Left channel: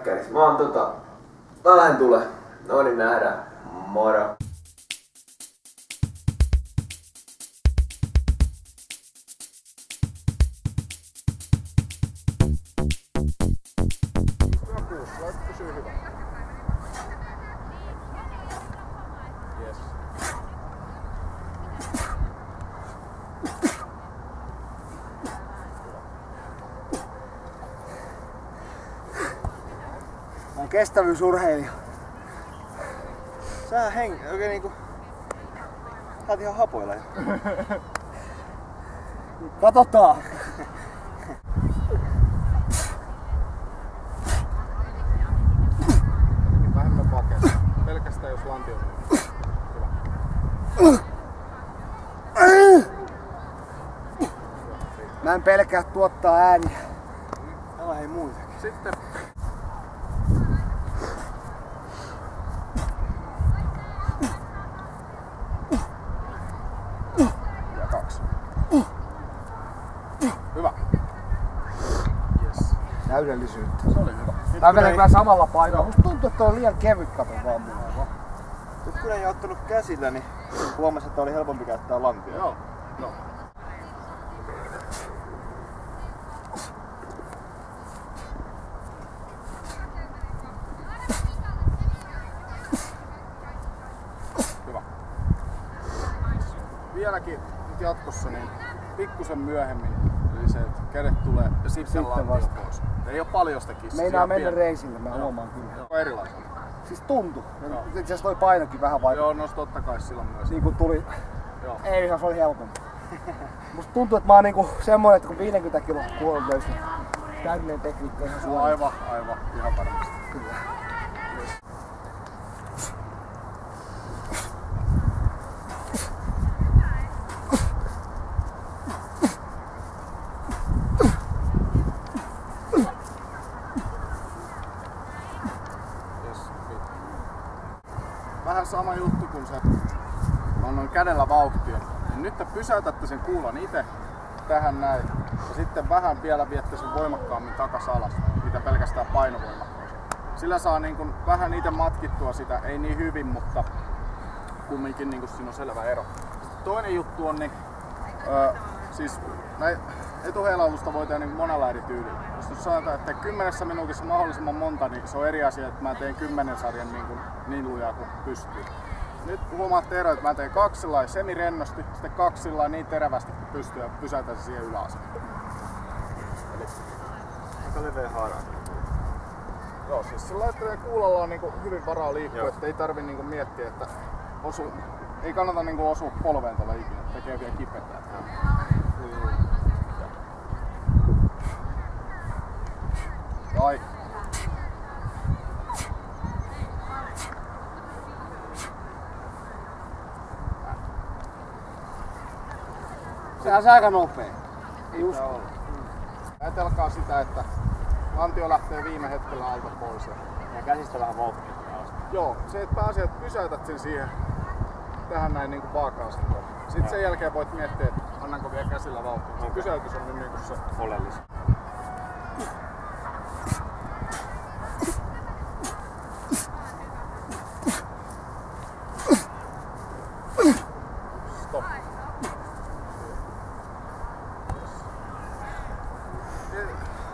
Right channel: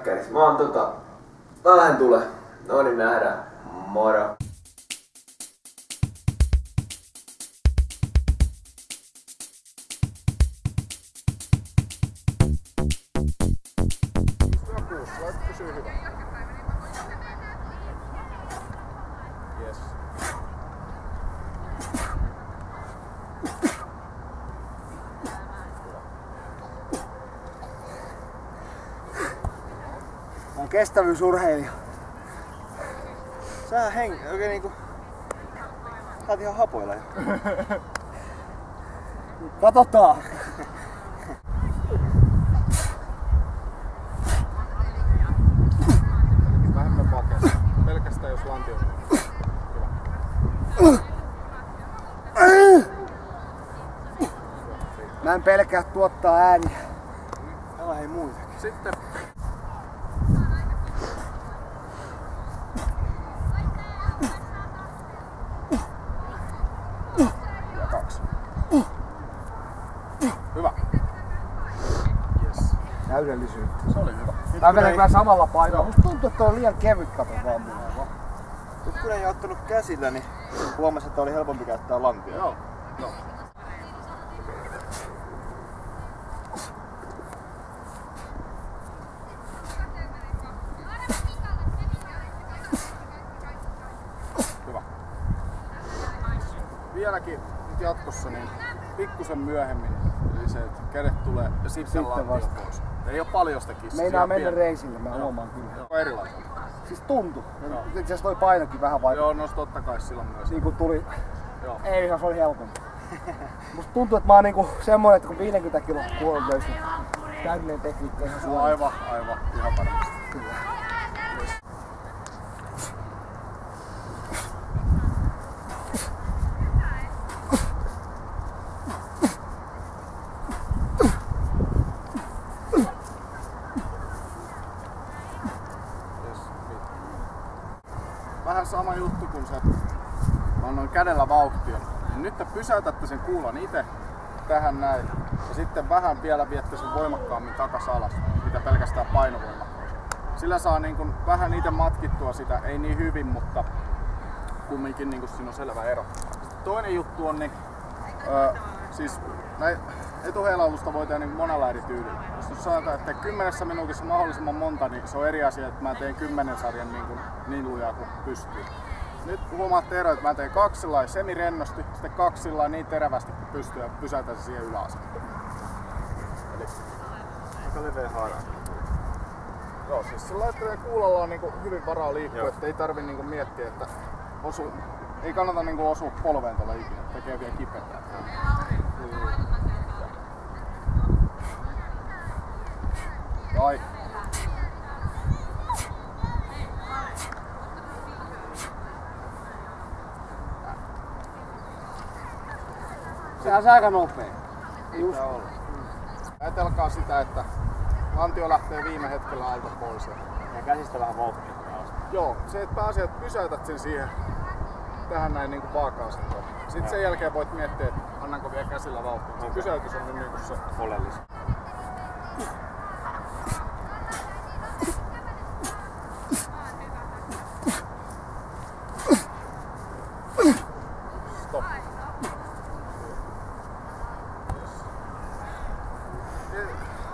Mäkkärissä. Mä lähden tulee. No niin, nähdään. Moro. Pysyy hyvä. Yes. Mä oon kestävyysurheilija. Sä oikein niinku... Sä oot ihan hapoilla jo. Katsotaan! Vähemmän pakeista. Pelkästään jos lanti on hyvä. Mä en pelkää tuottaa ääniä. Täällä hei muitakin. Sitten. Ja 2. Hyvä. Yes. Täydellisyyttä. Se oli hyvä. Mä menen kyllä samalla painolla. Musta tuntuu, että on liian kevyt kato vaan mulla. Nyt kun ei ottanut käsillä, niin huomasin, että oli helpompi käyttää lantia. Joo. No. Hyvä. Vieläkin nyt jatkossa niin pikkusen myöhemmin, eli se, että kädet tulee ja sitten lantio pois. Ei oo paljon sitä kissaa. Meinaa mennä reisille, mä huomaan kyllä. Joo, erilaista. Siis tuntuu. Itse asiassa toi painokin vähän vaikka. Joo, no totta kai silloin myös. Niinku tuli... Joo. Ei ihan, se oli helpompi. Musta tuntuu, että mä oon niinku semmonen, että kun 50 kilon kuolon löysin, täydellinen tekniikka ihan suoraan. Aivan, ihan varmasti. Kyllä. Vähän sama juttu kuin se, mä annoin kädellä vauhtia. Niin nyt te pysäytätte sen kuulan itse tähän näin. Ja sitten vähän vielä viette sen voimakkaammin takas alas, mitä pelkästään painovoima. Sillä saa niin kuin vähän itse matkittua sitä, ei niin hyvin, mutta kumminkin niin kuin siinä on selvä ero. Sitten toinen juttu on, niin, siis etuheilautusta voi tehdä niin monella eri tyylillä. Jos sanotaan, että 10 minuutissa mahdollisimman monta, niin se on eri asia, että mä teen 10 sarjan niin lujaa kuin pystyy. Nyt huomaatte ero, että mä teen 2 semirennosti, sitten 2 niin terävästi kuin pystyy ja pysäytän se siihen yläasentoon. Eli aika leveä haara. Joo, siis sillä lailla, että kuulalla on niinku hyvin varaa liikkua, että ei tarvi niinku miettiä, että ei kannata niinku osua polveen tuolla ikinä, tekee vielä kipeätä. Tai Sehän on aika nopea. Ei usko. olla. Ajatelkaa sitä, että lantio lähtee viime hetkellä alta pois. Ja käsistä vähän vauhtia. Joo, se että pääsee, että pysäytät sen siihen tähän näin niinku vaaka-asentoon. Sitten sen jälkeen voit miettiä, että annanko vielä käsillä vauhtia. Se pysäytys on nyt niinku se oleellista. stop.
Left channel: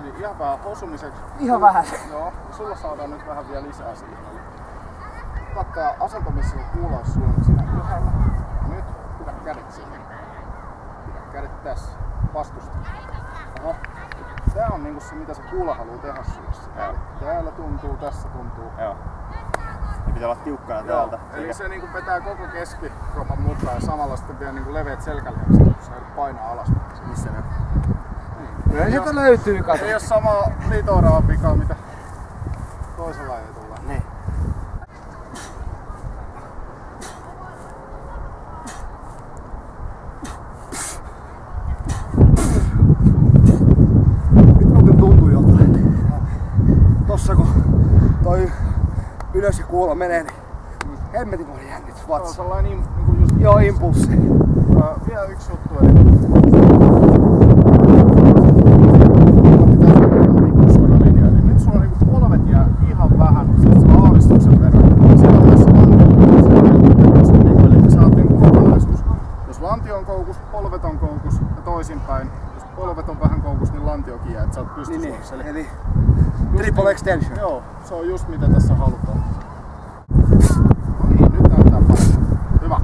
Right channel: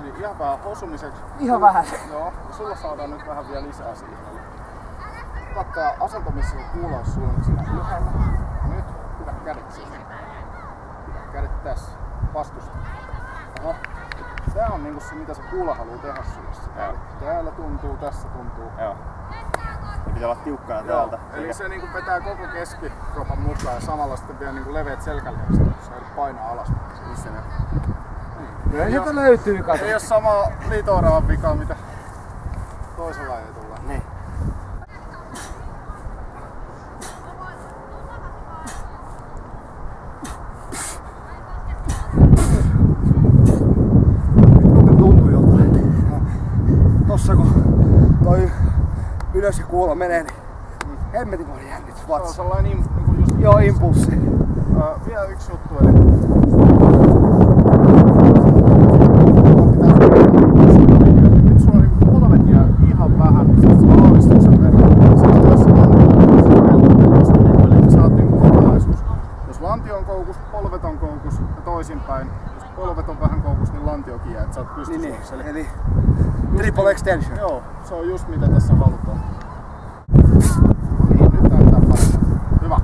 Eli ihan vähän osumiseksi. Ihan vähän. Joo, ja sulla saadaan nyt vähän vielä lisää siihen. Eli kattaa asento, missä se kuula olisi sulla siinä ylhäällä. Ja nyt pidä kädet siihen. Pidä kädet tässä. Vastusta. Oho. Tää on niinku se, mitä se kuula haluaa tehdä sulle. Eli täällä tuntuu, tässä tuntuu. Joo. Ja pitää olla tiukkana täältä. Eli se niinku vetää koko keskikropan mukaan ja samalla sitten vielä niinku leveät selkälihakset, kun sä painaa alas. Missä ne on? Kyllä sieltä löytyy, kato. Ei oo sama liito-oravan vika, mitä toisella ei tulla. Niin. Nyt muuten tuntuu jotain. Tossa kun toi ylös ja kuulo menee, niin hemmetin moni jännitys Se on vatsa. sellainen niinku just Joo, impulssi. vielä yksi juttu, eli pitää suunnitella linjaa. Nyt sulla on niinku polvet jää ihan vähän, siis sulla aavistuksen verran. Siellä on myös se lantio, siellä helposti, niinku, eli sä oot niinku kokonaisuus. Jos lantio on koukus, polvet on koukus ja toisinpäin. Jos polvet on vähän koukus, niin lantiokin jää, että sä oot pystysuorassa. Niin, eli triple extension. Joo, se on just mitä tässä halutaan. No niin, nyt näyttää paremmin. Hyvä.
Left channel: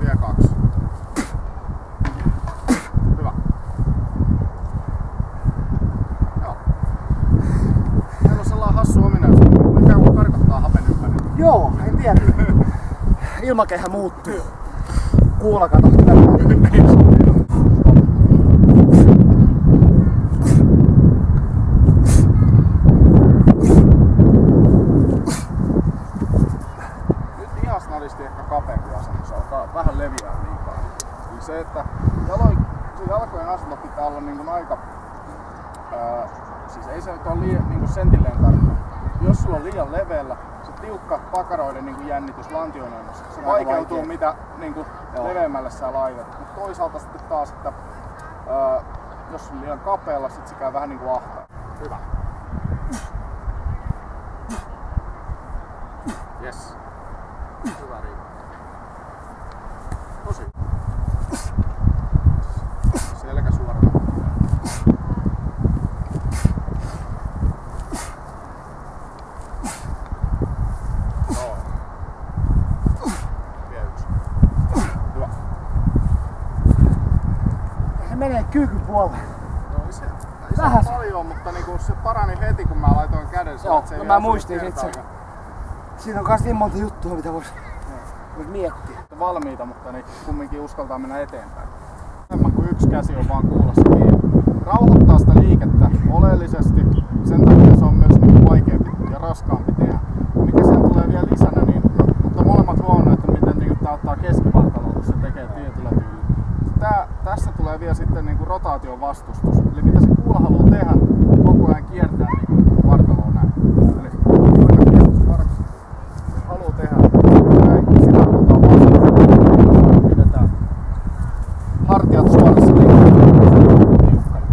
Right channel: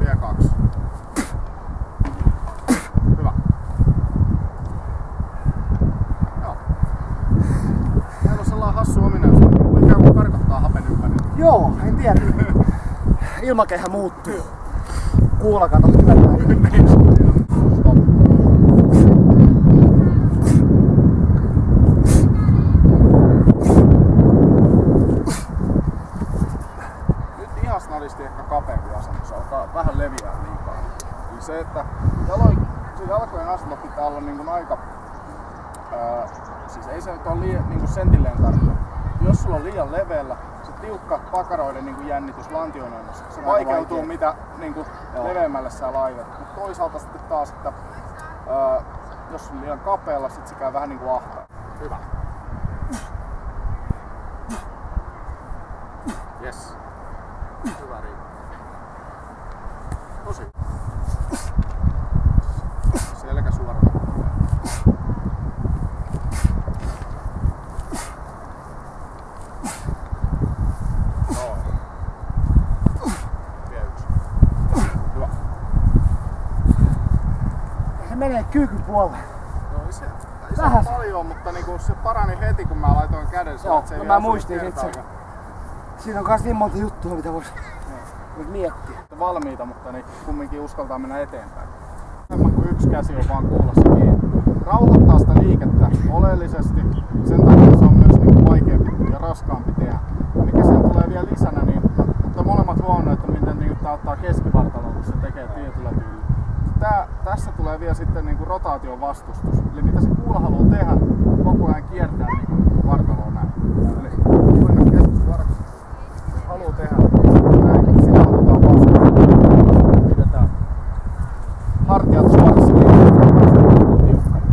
Vielä 2. Hyvä. Joo. Meillä on sellainen hassu ominaisuus, niin kuin ikään kuin karkottaa hapen ympäri. Joo, en tiedä. Ilmakehä muuttuu. Kuula kato, Stop. Nyt ihasnadisti ehkä kapeampi asento, alkaa vähän leviää liikaa. Eli se, että jalkojen asento pitää olla niin kuin aika, siis ei se nyt ole liian niin kuin sentilleen tarkka. Jos sulla on liian leveällä, se tiukka pakaroiden niin kuin jännitys lantionoinnissa, se vaikeutuu mitä niin kuin leveämmälle sä laitat. Mutta toisaalta sitten taas, että jos on liian kapealla, sit se käy vähän niin kuin ahtaa. Hyvä. Yes. Hyvä riittää. Tosi. Selkä suorana. Joo. Vielä 1. Hyvä. Se menee kyykyn puolelle. No ei se vähän paljon, mutta niinku se parani heti kun mä laitoin käden. Joo, se mä muistin itse. Siinä on kans niin monta juttua, mitä vois miettiä. Valmiita, mutta niin kumminkin uskaltaa mennä eteenpäin. Enemmän kuin yksi käsi on vaan kuulossa kiinni. Rauhoittaa sitä liikettä oleellisesti. Sen takia se on myös niin vaikeampi ja raskaampi tehdä. Mikä sen tulee vielä lisänä, niin mutta molemmat huomioon, että miten niin tää ottaa keskivartaloon, kun sen tekee tietyllä tyylillä. Tässä tulee vielä sitten niin rotaation vastustus. Eli mitä se kuula haluaa tehdä, koko ajan kiertää niin vartaloon näin. Eli toinen keskusvartalo. Haluaa tehdä näin, sitä halutaan vastustaa. Pidetään hartiat suorassa tiukkana.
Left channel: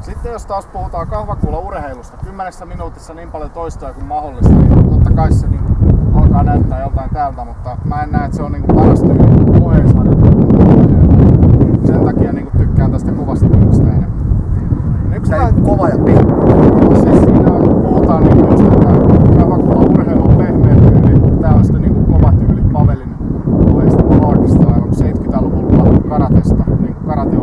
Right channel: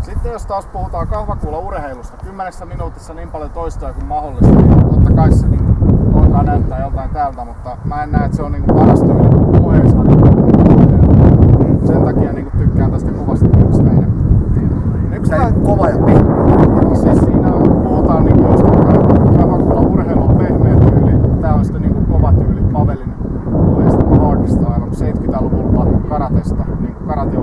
Sitten jos taas puhutaan kahvakuulaurheilusta, 10 minuutissa niin paljon toistoja kuin mahdollista, niin totta kai se niin alkaa näyttää joltain täältä, mutta mä en näe, että se on niin paras tyyli oheisharjoittelu muita lajeja. Sen takia niin tykkään tästä kovasta tyylistä enemmän. Tää on kova ja pehmeä. Siis siinä puhutaan niin just, että kahvakuulaurheilu on pehmeä tyyli, tää on sitten niin kova tyyli, Pavelin ohjeistama hardstyle, 70-luvulla karatesta, niin kuin karate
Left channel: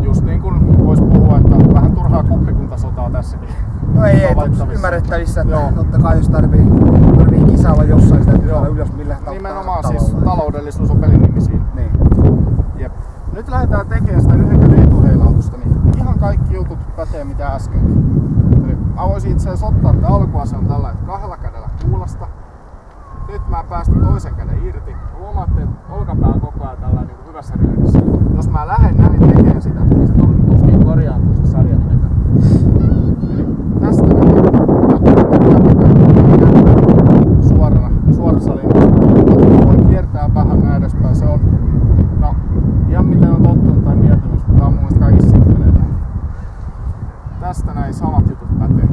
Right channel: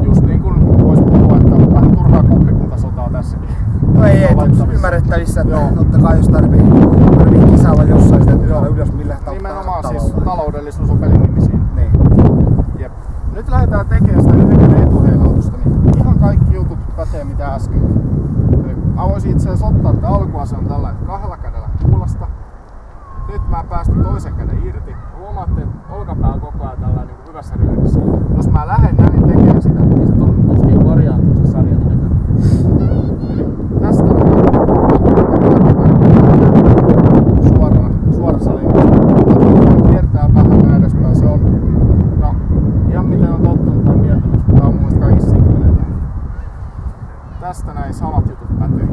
just niin kuin vois puhua, että vähän turhaa kuppikuntasotaa tässäkin. No ei, ymmärrettävissä, että totta kai jos tarvii kisailla jossain sitä, että ylös millä nimenomaan siis taloudellisuus on pelin nimi siinä. Niin. Jep. Nyt lähdetään tekemään sitä yhden käden etuheilautusta, niin ihan kaikki jutut pätee mitä äsken. Eli mä voisin itse asiassa ottaa tämän alkuasen tällä, että 2 kädellä kuulasta. Nyt mä päästän toisen käden irti. Huomaatte, että olkapää on koko ajan tällä niin hyvässä ryydissä. Eli jos mä lähden näin tekemään sitä, niin se tuskin korjaantuu sen sarjan aikana. Eli tästä näin. Ja pitää suorassa linjassa. Voi kiertää vähän näin edespäin. Se on ihan miten on tottunut tai miettinyt, mutta tää on mun mielestä kaikissa simppeleitä. Tästä näin samat jutut pätee.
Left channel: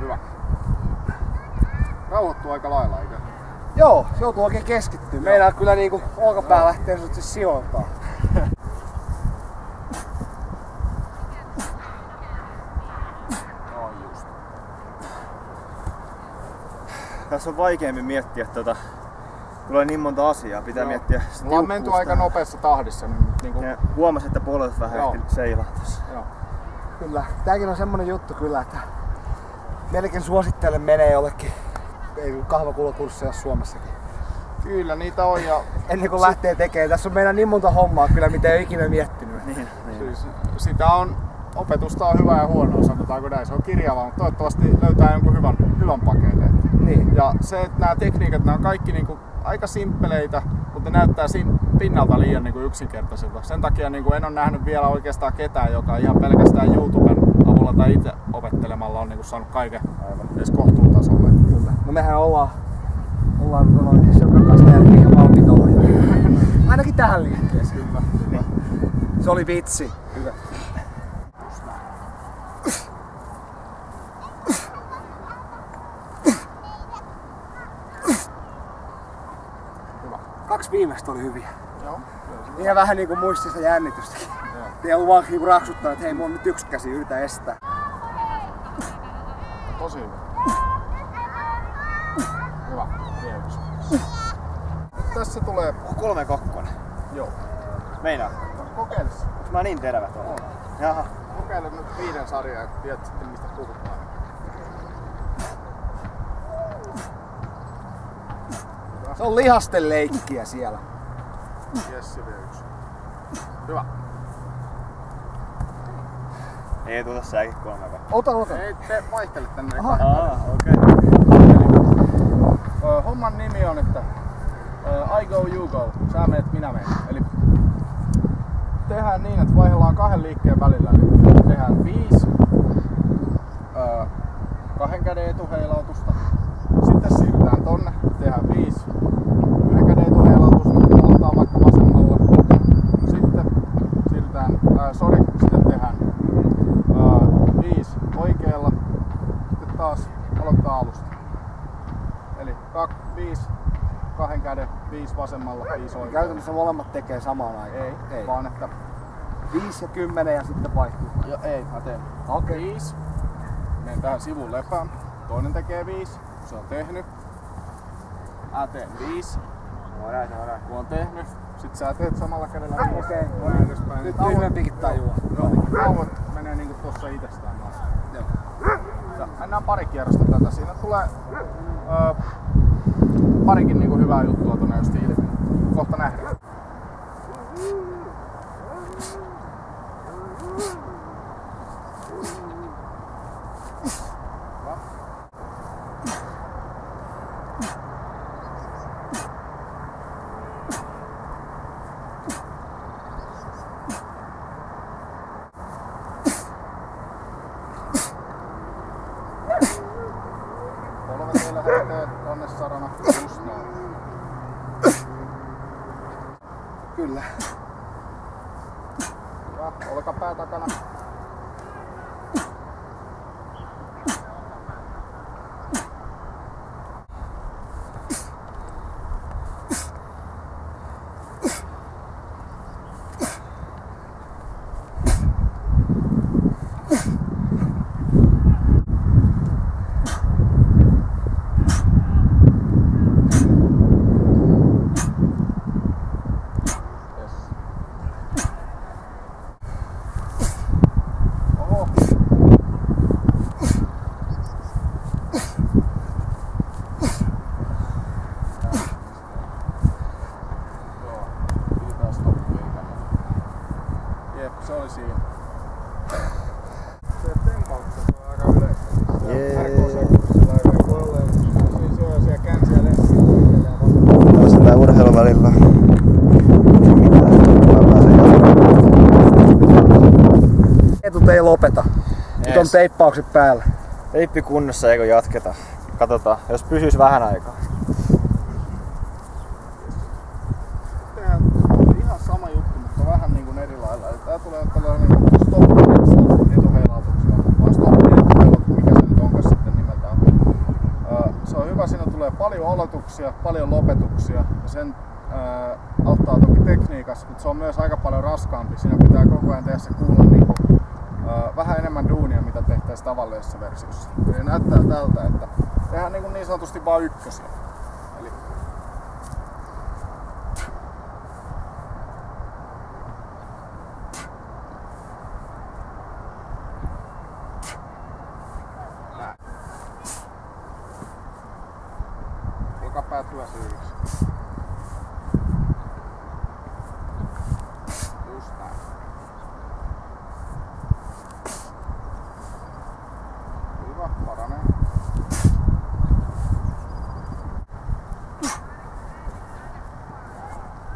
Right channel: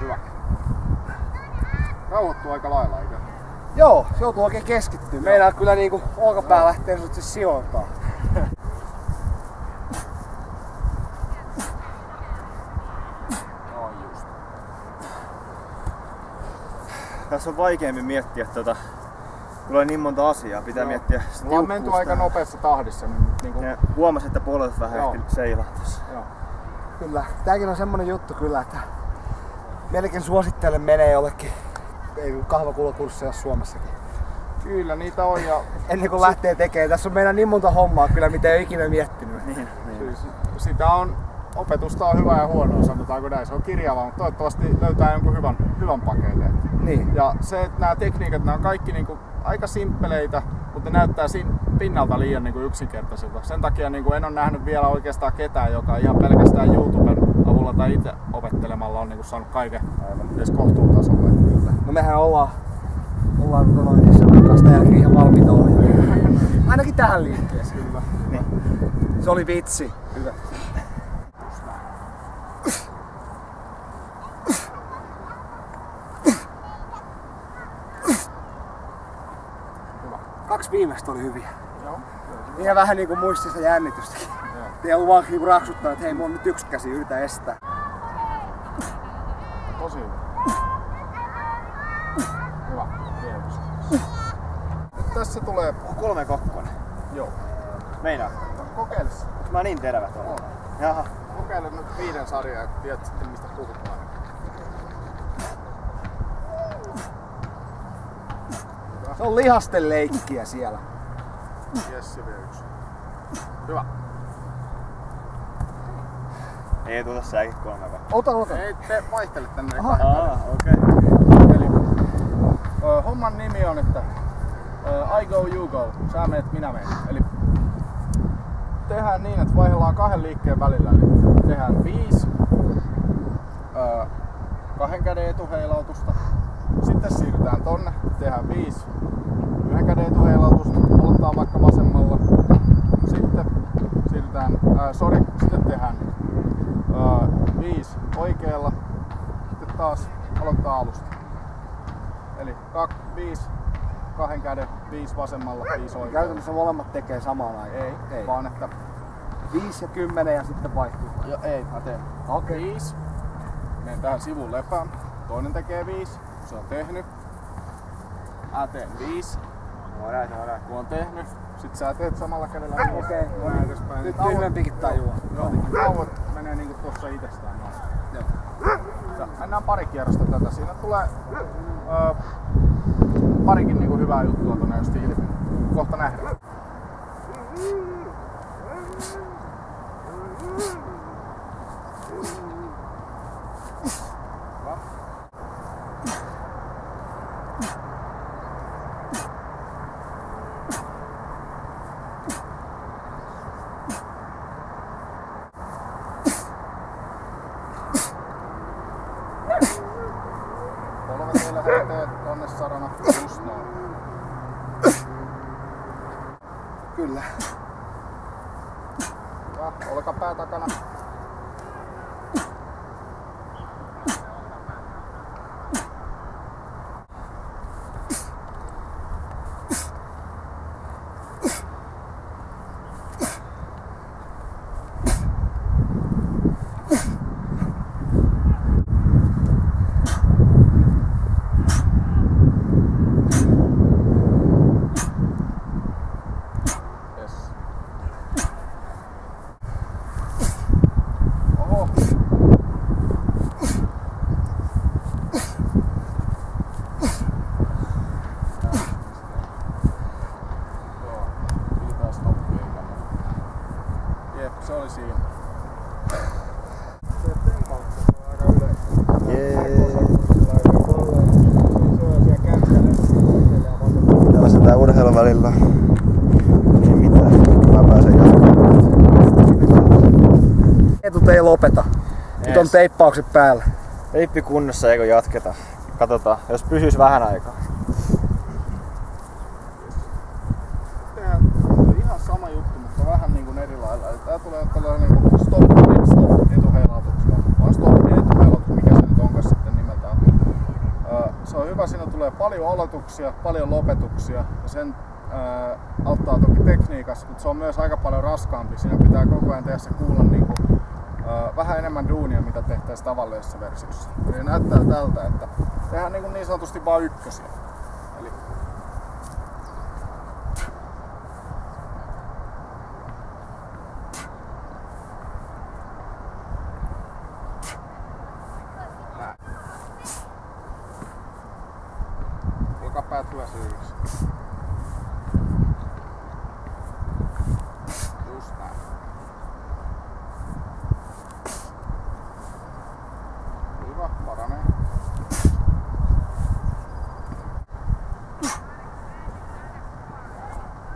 Hyvä. Rauhoittuu aika lailla, eikö? Joo, se joutuu oikein keskittyä. Meinaa kyllä niinku olkapää lähtee sijoiltaan. Tässä on vaikeampi miettiä tulee niin monta asiaa, pitää miettiä sitä. Mulla on menty aika nopeassa tahdissa. Niin ja huomasin, että polvet vähän ehti seilaa tässä. Joo. Kyllä, tääkin on semmonen juttu kyllä, että melkein suosittelen menee jollekin kahvakuulakursseja Suomessakin. Kyllä niitä on ja ennen kuin lähtee tekemään. Tässä on meillä niin monta hommaa kyllä, mitä ei ole ikinä miettinyt. Niin. Siis sitä on, opetusta on hyvää ja huonoa, sanotaanko näin. Se on kirjavaa, mutta toivottavasti löytää jonkun hyvän pakeilleen. Niin. Ja se, että nämä tekniikat, nämä on kaikki niinku aika simppeleitä, mutta ne näyttää pinnalta liian niin kuin yksinkertaisilta. Sen takia niin kuin en ole nähnyt vielä oikeastaan ketään, joka ihan pelkästään YouTuben avulla tai itse opettelemalla on niin kuin saanut kaiken edes kohtuutasolle. Kyllä. No mehän ollaan Söpön jälkeen ihan valmiita ohjaajia. Ainakin tähän liikkeeseen. Kyllä. Niin. Se oli vitsi. Hyvä. Kaksi viimeistä oli hyviä. Joo. Ihan vähän niinku muistista jännitystäkin. Ei ollut vaan niinku raksuttaa, että hei, mulla on nyt yksi käsi, yritä estää. Tosi hyvä. Hyvä. Kiitos. Nyt tässä tulee... 3-2. Joo. Meinaa. Kokeile. Onks mä niin terävä tuolla? Jaha. Kokeile nyt 5 sarjaa ja tiedät sitten mistä puhutaan. Se on lihasten leikkiä siellä. Jessi vie 1. Hyvä. Ei tuota säkin 3-2. Ota. Ei te vaihtele tänne. Okei. Homman nimi on, että I go, you go. Sä meet, minä menen. Eli tehdään niin, että vaihdellaan 2 liikkeen välillä. Eli tehdään 5 2 käden etuheilautusta. Sitten siirrytään tonne. Tehdään 5 1 käden etuheilautusta. Aloitetaan vaikka vasemmalla. Sitten siirrytään, sitten tehdään 5 oikealla. Sitten taas aloitetaan alusta. Eli 5 2 käden, 5 vasemmalla, 5 oikealla. Käytännössä molemmat tekee samaan aikaan. Ei. Vaan että 5 ja 10 ja sitten vaihtuu. ja ei, mä teen 5. Menen tähän sivun lepään. Toinen tekee 5, se on tehnyt. Mä teen 5. Kun on tehnyt, sit sä teet samalla kädellä 5. Okei. Näin edespäin. Nyt tyhmempikin tajua. Joo, tauot menee niinku tossa itsestään noin. Joo. Ja mennään pari kierrosta tätä. Siinä tulee parikin niinku hyvää juttua tonne just ilmi. Kohta nähdään. Polvet ei lähtee tonne sarana. Just noin. Kyllä. Hyvä. Olkapää takana. Oho. Joo, pidetään stoppi ei kannata. Jep, se oli siinä. Se tempaukset on aika yleistä. RKC-kurssilla ei voi olla sellaisia känsiä lenssiä oikealle ja vasemmalle. Tällaista tää urheilun välillä. Ei mitään. Mä pääsen jatkamaan. Etut ei lopeta. Nyt on teippaukset päällä. Teippi kunnossa, eikö jatketa? Katsotaan, jos pysyis vähän aikaa. Tehdään ihan sama juttu, mutta vähän niin kuin eri lailla. Eli tää tulee tällainen niin kuin stop etuheilautuksella. Vaan stop etuheilautus, mikä se nyt onkaan sitten nimeltään. Se on hyvä, siinä tulee paljon aloituksia, paljon lopetuksia. Ja sen auttaa toki tekniikassa, mutta se on myös aika paljon raskaampi. Siinä pitää koko ajan tehdä se kuulla niin kuin, vähän enemmän duunia, mitä tehtäisiin tavallisessa versiossa. Eli näyttää tältä, että tehdään niin sanotusti vain ykkösiä. Eli näin. Olkapäät hyväsyydessä. Just näin. Hyvä, paranee.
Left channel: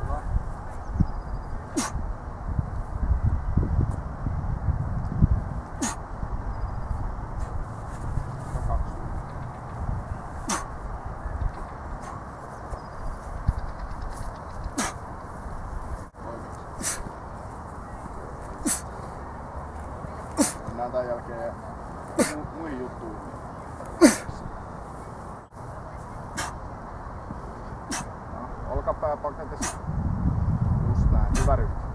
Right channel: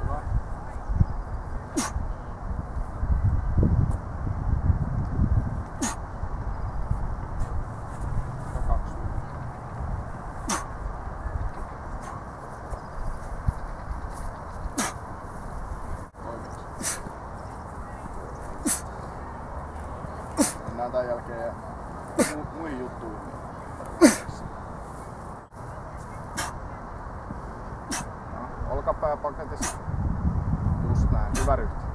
Hyvä. tämän jälkeen ja muihin juttuihin. No, olkapää paketissa. Just näin, hyvä ryhti.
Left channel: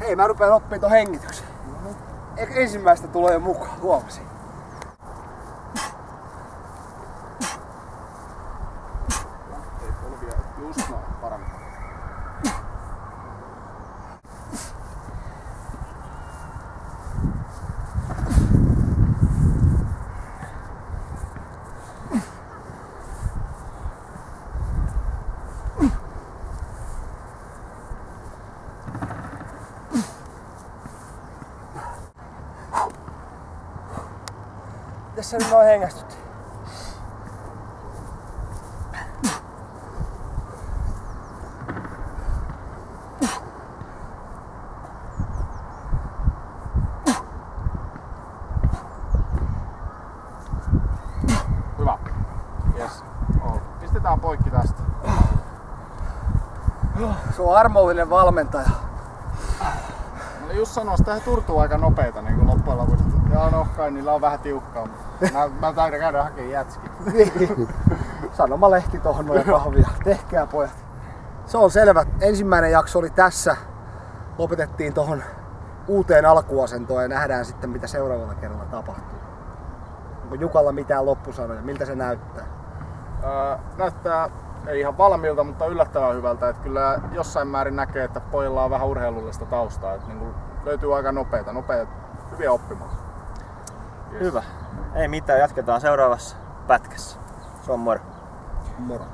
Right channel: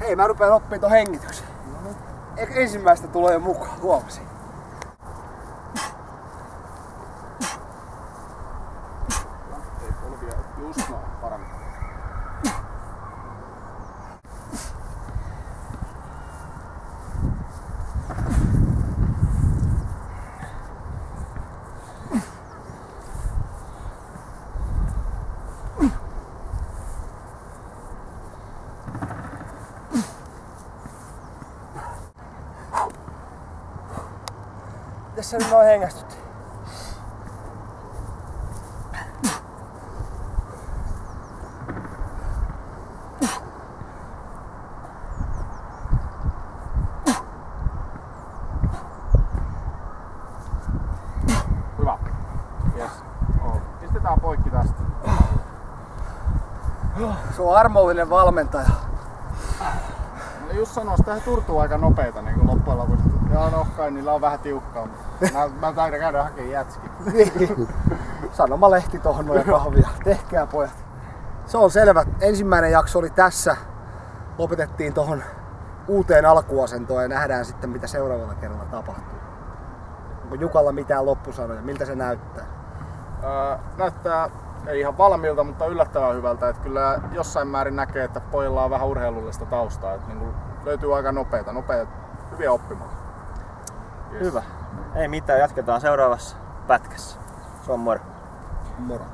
Hei, mä rupean oppimaan ton hengityksen. Ensimmäistä tulee jo mukaan, huomasin. Ei polvia, just noin, paremmin. Tässä nyt noin hengästyt. Hyvä. Yes. Pistetään poikki tästä. Se on armollinen valmentaja. Mä just sanoin, että he turtuu aika nopeita niin loppujen lopuksi. Ja no kai niillä on vähän tiukkaa, mutta mä taidan käydä hakemaan jätski. Sanomalehti tohon noin kahvia. Tehkää pojat. Se on selvä. Ensimmäinen jakso oli tässä. Lopetettiin tohon uuteen alkuasentoon ja nähdään sitten mitä seuraavalla kerralla tapahtuu. Onko Jukalla mitään loppusanoja? Miltä se näyttää? Näyttää ei ihan valmiilta, mutta yllättävän hyvältä. Että kyllä jossain määrin näkee, että pojilla on vähän urheilullista taustaa. Että niin löytyy aika nopeita, hyviä oppimaan. Yes. Hyvä. Ei mitään, jatketaan seuraavassa pätkässä. Se on moro. Moro.